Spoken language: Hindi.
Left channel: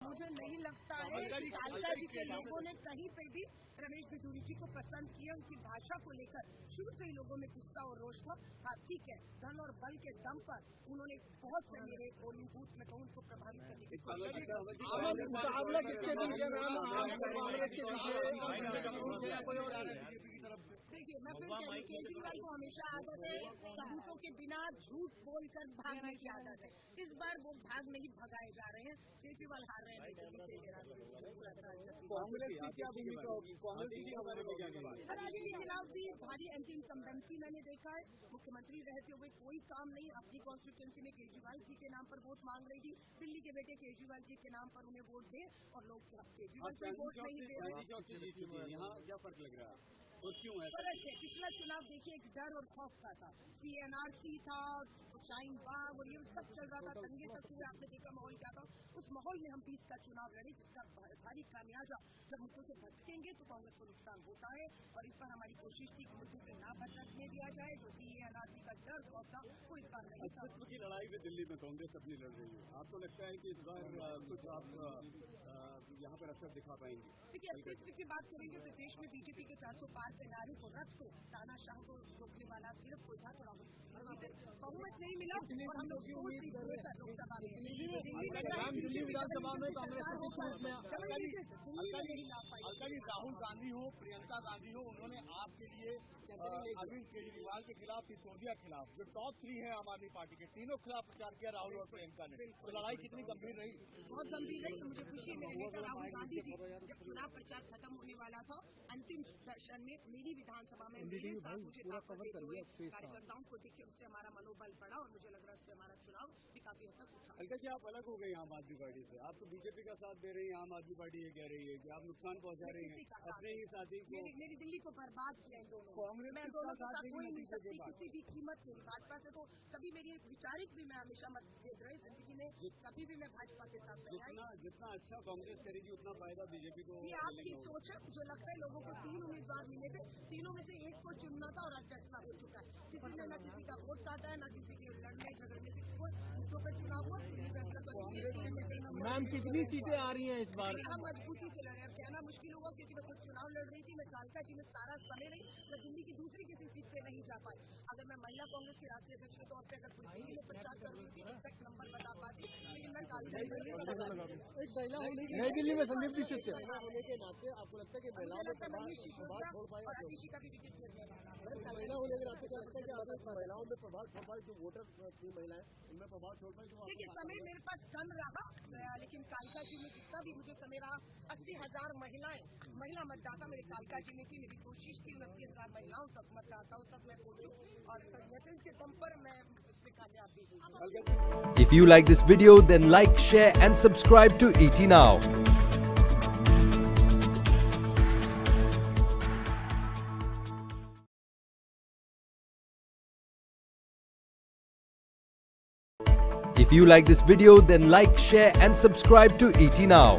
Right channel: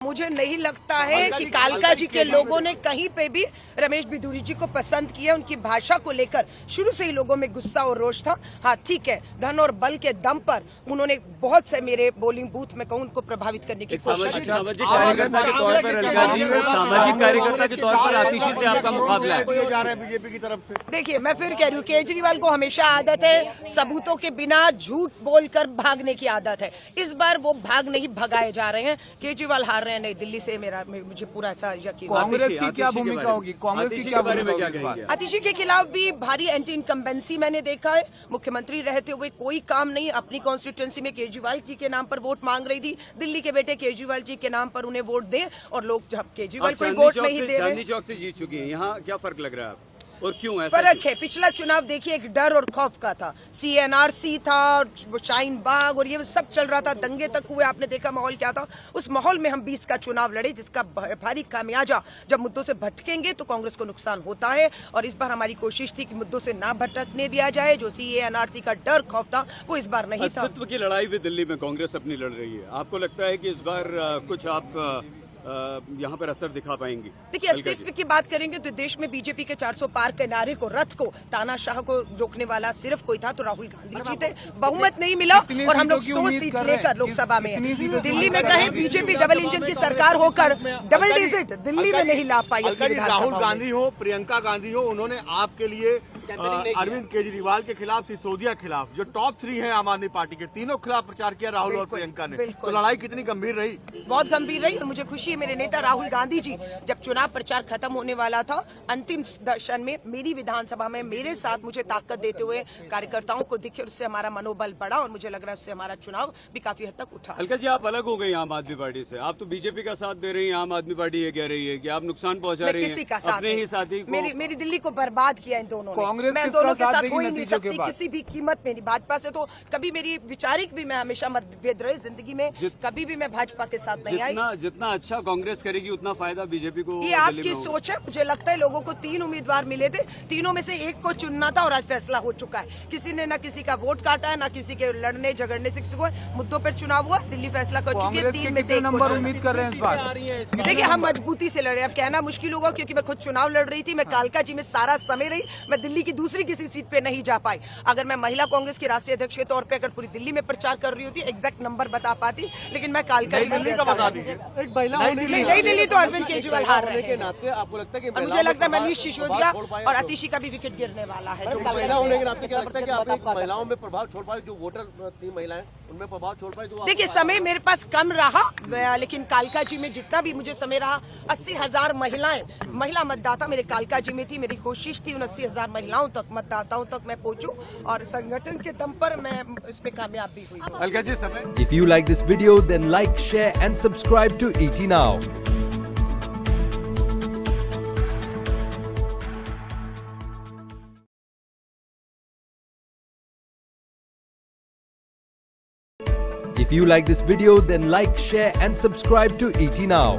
मुझे नहीं लगता है कि कालका जी के लोगों ने कहीं पे भी रमेश बिधूरी जी को पसंद किया। उनकी भाषा को लेकर शुरू से ही लोगों में गुस्सा और रोष था। हाँ ठीक है, धन और बल के दम पर उन्होंने बहुत से मेरे बोलिंग बूथ में कहूँ उनको प्रभावित करने की कोशिश की। सामाजिक कार्यकर्ता के तौर पर अलका जी, सामाजिक कार्यकर्ता के तौर पर आतिशी से आपका मुकाबला है बीजेपी की तरफ से। देखिए, मैं फिर कह रही हूँ, केजरीवाल को हमेशा आदत है सबूतों के बिना झूठ बोलकर भागने की आदत है। इस बार वो भाग नहीं भगाए जा रहे हैं। केजरीवाल हार रहे हैं नई दिल्ली से, मुझे पूरा ऐसा यकीन। कांग्रेस की क्या भूमिका होगी? कांग्रेस की क्या बारे में क्या भूमिका? कहेंगे? आतिशी के खिलाफ भी भारी एंटी इनकम्बेंसी मैंने देखा है। मुख्यमंत्री रहते हुए कोई काम नहीं। अपनी कॉन्स्टिट्यूंसी में केजरीवाल जी के नाम पर वोट मांग रही थी। दिल्ली के बेटे केजरीवाल जी के नाम पर उन्हें वोट दें और लोग जब केजरीवाल को वोट नहीं दे रहे। चांदनी चौक से जीत चुकी है, यहाँ क्या फर्क लग रहा है आपको और क्यों ऐसा? फर्क है, पिछला चुनाव देखिए एक डर और खौफ का था। CNRC था, शाहीन बाग और ये सब चल रहा था, दंगे तक हुए। आपने देखा माहौल क्या था। उस माहौल में हम 20 का चुनाव लड़े, जिसका भारी खामियाजा जब मुद्दों से भटकेंगे तो कांग्रेस को नुकसान होता है। और इस बार हमारी कोशिश थी कि मुद्दों से ना भटकने दिया जाए। जो CNRC का डर खौफ था वो इस बार नहीं था। अस्तित्व की लड़ाई भी दिल्ली में कांग्रेस अपनी लड़ रही है। आपको लगता है कि इस बार कुछ आप यहाँ पर असर दिखा पाएंगी? देखिए, अस्तित्व की बात करेंगे तो देश में बीजेपी के 400 पार के नारे को, रथ को, तानाशाह को रोकने वाला सिर्फ कोई था तो राहुल गांधी जी थे। बहुमत नहीं मिला और हम लोग 100 सीट लेकर लोकसभा में दिल्ली में कहें बीजेपी डबल इंजन की सरकार होकर डबल डिजिट दिल्ली में नहीं ला पाई। राहुल गांधी हो, प्रियंका गांधी हो, उन्होंने आपके लिए अरविंद केजरीवाल के खिलाफ, सिसोदिया के खिलाफ, जो टॉप 3 है आम आदमी पार्टी के, तीनों खिलाफ प्रचार किया राहुल और प्रियंका ने। तो लड़ाई कितनी गंभीर रही? बहुत गंभीर रही। और मुझे खुशी है, मेरे नेता राहुल गांधी जी जब चुनाव प्रचार खत्म होने वाला था, अंतिम दर्शन में मेरी विधानसभा में मेरे साथ मुझे ताकत देते हुए कार्यकर्ताओं को दिखे, उससे हमारा मनोबल बढ़ा और मुझे लग रहा है उससे हमारा चुनाव भी काफी हद तक उठा। अलका जी, आप अलग हो गई आम आदमी पार्टी से। आप तो बीजेपी का साथ दे रही हैं, आम आदमी पार्टी ये कह रही है कि आप नुकसान पहुंचा रही हैं किसी का साथ अपने ही साथी को। मेरी दिल्ली को बर्बाद किया इन दोनों ने। मैं दोनों के साथ हो ही नहीं सकती किसी भी कीमत में। भाजपा से तो कभी मेरी विचारिक भी, मैं हमेशा मतभेद रहे जिंदगी में, कभी भी मैं भाजपा के साथ नहीं आई। जितना अच्छा कांग्रेस करेगी उतना फायदा बीजेपी को। ये आपकी सोच है। मुझे लगता है लोगों को 3 उम्मीदवार मिले थे, तीनों में से एक को चुनना था और आज फैसला हो चुका है। किसी ने ना किसी का वोट काटा है, ना किसी के लड़ने झगड़ने से किसी को मुद्दों पर चुनाव हुआ। दिल्ली फैसला कर चुकी है। 3 में से 1 नंबर उम्मीद कर रहे हैं इस बार? देखिए, हम मजबूती से लड़े। अब कहना मुश्किल होगा क्योंकि मैं खुद चुनाव लड़ रही थी। मैं कालका जी में सारा समय रही। मैं दिल्ली की दूसरी किसी सीट पे नहीं जा पाई। अगर मैं महिला कांग्रेस की राष्ट्रीय अध्यक्ष के तौर पे अगर पूरी दिल्ली में प्रचार कर रही होती, एग्जैक्ट नंबर बता पाती, लेकिन मैं कालका दिल्ली का बता दीजिए। नई दिल्ली तो अरविंद केजरीवाल हार रहे हैं। आपको लगता है कि मुझे लगता है मनीष सिसोदिया और आतिशी का भी विकेट गिरने वाला है। जो महिला होने के नाते क्या लगता है कि आप महिलाओं में प्रभाव छोड़ पाए? जो वोटर थी महिलाएं, उनमें प्रभाव छोड़ पाए? जो देखिए, समय मेरे पास कम रहा, लेकिन कालका जी में जितना भी मुझे समय रहा, 80,000 महिला मतदाता मेरे कालका जी में थी। मेरी कोशिश थी उन 80,000 महिलाओं तक, मतदाताओं तक मैं पहुंचूं और संगठन के दम पर मैं इसमें कामयाब भी हुई। अलका जी, समय। If you like this video, then like, share and subscribe to ET Now. If you like this video, then like, share and subscribe to ET Now.